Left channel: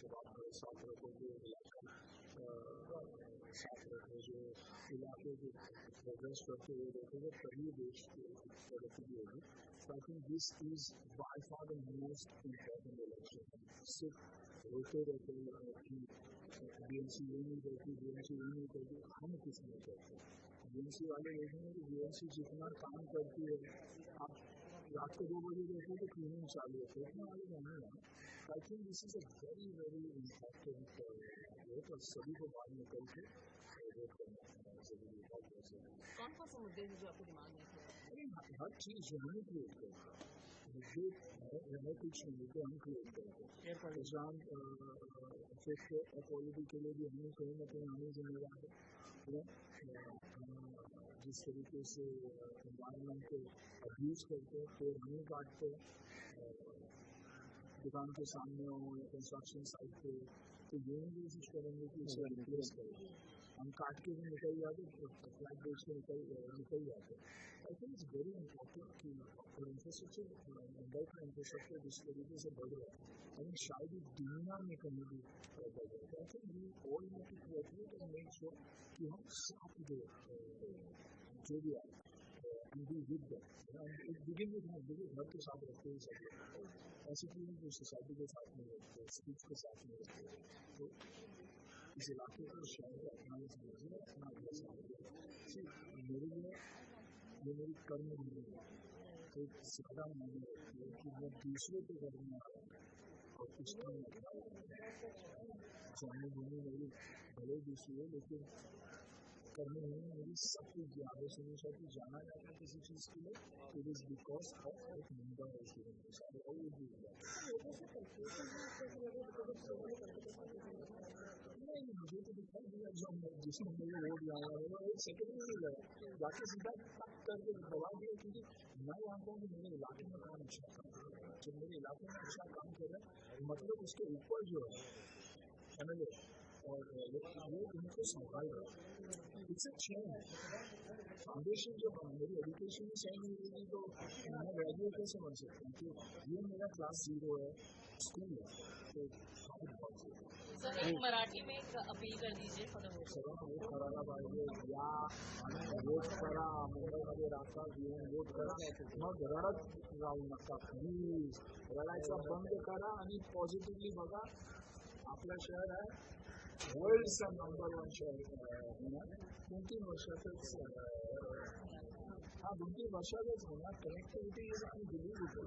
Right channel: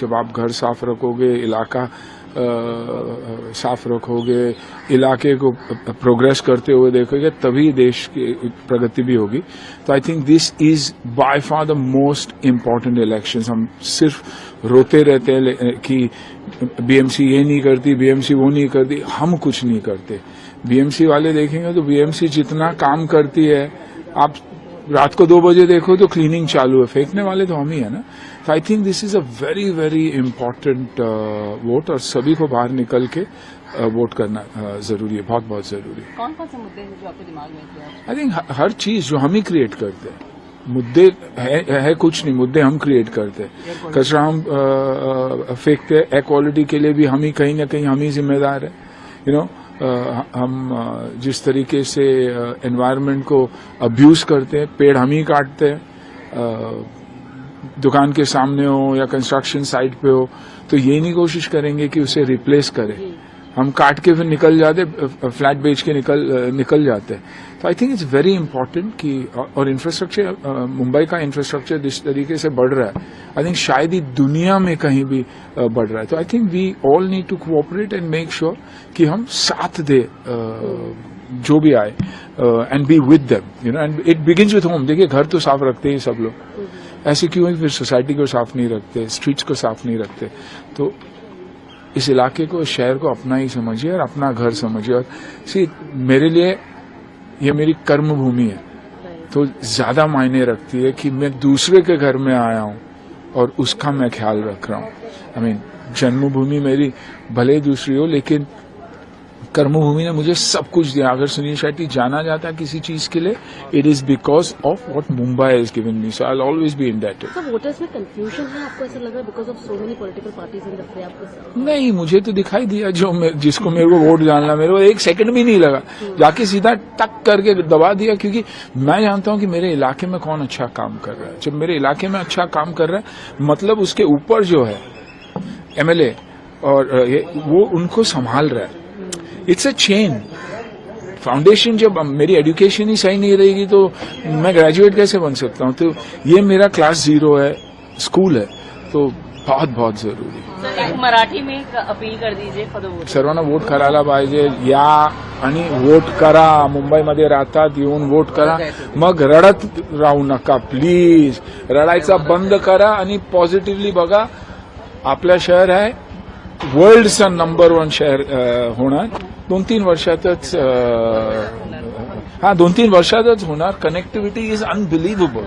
जब आप घर साफ रखोगे, इलाका साफ रखोगे, इलाके को प्रोग्रेस करते हुए देखोगे, तभी देश की प्रगति भी होगी। तो I think this is by far the most important elections. हम सिर्फ रोते रहते हैं कि बीएमसी ये नहीं करती, बीएमसी वो नहीं करती। हम कुछ नहीं करते। बीएमसी वाले देखेंगे तो बीएमसी जितना काम करती है, आप रात को 2 बजे देखो तो क्लीनिंग चालू है, फेंकने वाले तो हम ही है ना। तो I think this is a very very important vote, और सभी को बाहर निकल के वोट करना जरूरी है, बहुत बहुत जरूरी है। कौन कौन से मुद्दे हैं जो आपके दिमाग में हैं? आई थिंक हर चीज जो हम ही क्रिएट करते हैं। मुद्दे है कुछ नहीं, मुद्दे हम क्रिएट करते हैं। कचरा हम फेंकते हैं, एयर क्वालिटी के लिए भी हम ही कहीं ना कहीं हम ही जिम्मेदार है। यू नो हम जिस तरीके से एनवायरनमेंट को अब्यूज करते हैं, पेड़ हम ही काटते हैं, दुकान के सामने हो या कंस्ट्रक्शन साइट पे हो, तो ये नहीं कोशिश करेंगे कि उसे रिप्लेस करें। हम काट के फिर निकल जाते, फ्लैट बेच के निकल जाते हैं। तो I think it's very important कि, और इंफ्रास्ट्रक्चर, मुंबई का इंफ्रास्ट्रक्चर जिस तरीके से बढ़ रहा है, आई थिंक शायद ही दुनिया में कहीं भी बढ़ रहा है। तो I think we all need to cooperate and make sure कि हम साथ दे जो भी आए, and be with them, you know, and it begins with home. देखिए, घर तो साफ रखते ही सब लोग, ऐसे क्यों है फिर सोसाइटी को साफ नहीं रखते, स्ट्रीट्स को साफ नहीं रखते। तो इस इलाके को, शहर को अपना ही समझिए और अपना घर समझिए। और मेरे लिए ये मेरी कर्म भूमि है, तो ज्यादा मायने रखती है कि मैं दूसरे के घर में आया हूं और उसका मैं ख्याल रख रहा हूं। आई मीन, जन्मभूमि मेरी भले ही दूसरी हो, लेकिन कर्मभूमि ने मुझे सब कुछ दिया। अगर सुनील शेट्टी जाना जाता है किसी चीज के लिए, it is because of what Mumbai has given me, so I will always be indebted. Sir, voters में कंफ्यूजन है, आपको ऐसा लग रहा है because of so many political parties in the फ्रे? आपको नहीं, मुझे तो दिखाई दिया जिसको मेरे को वोट डालना, मेरे को 1 सेकंड भी नहीं लगा, जाके सीधा टक करके दबा दिया। क्योंकि मैं जानता हूं कि मेरे इलाके में कौन अच्छा काम कर रहा है। जब मेरे इलाके में अच्छा काम कर रहा है, मतलब उसके ऊपर जो है एमएलए और वो उनको संभाल रहा है। It's a chain foundation. जब मेरी एजुकेशन ही सही नहीं रहेगी तो मैं ग्रेजुएट कैसे बन सकता हूँ? तो ये मेरा क्लास 0 है, स्कूल है, तो बहुत बहुत जरूरी है। सर, एक मराठी में एक अपील कर दीजिए फॉर द वोट। सर्वांना वोट करायला पाहिजे, या आणि वोट करा। मुंबईमध्ये राहतात, येऊन वोट करा, मग रडत राहू नका प्लीज। रडायचा बंद करा आणि पॉझिटिव्हली बघा। आपलं शहर आहे वर्ल्डचा नंबर 1 शहर होणार 2-3 वर्षातच। 2-3 वर्षातच होणार। Connectivity is अनबिलीव्हेबल।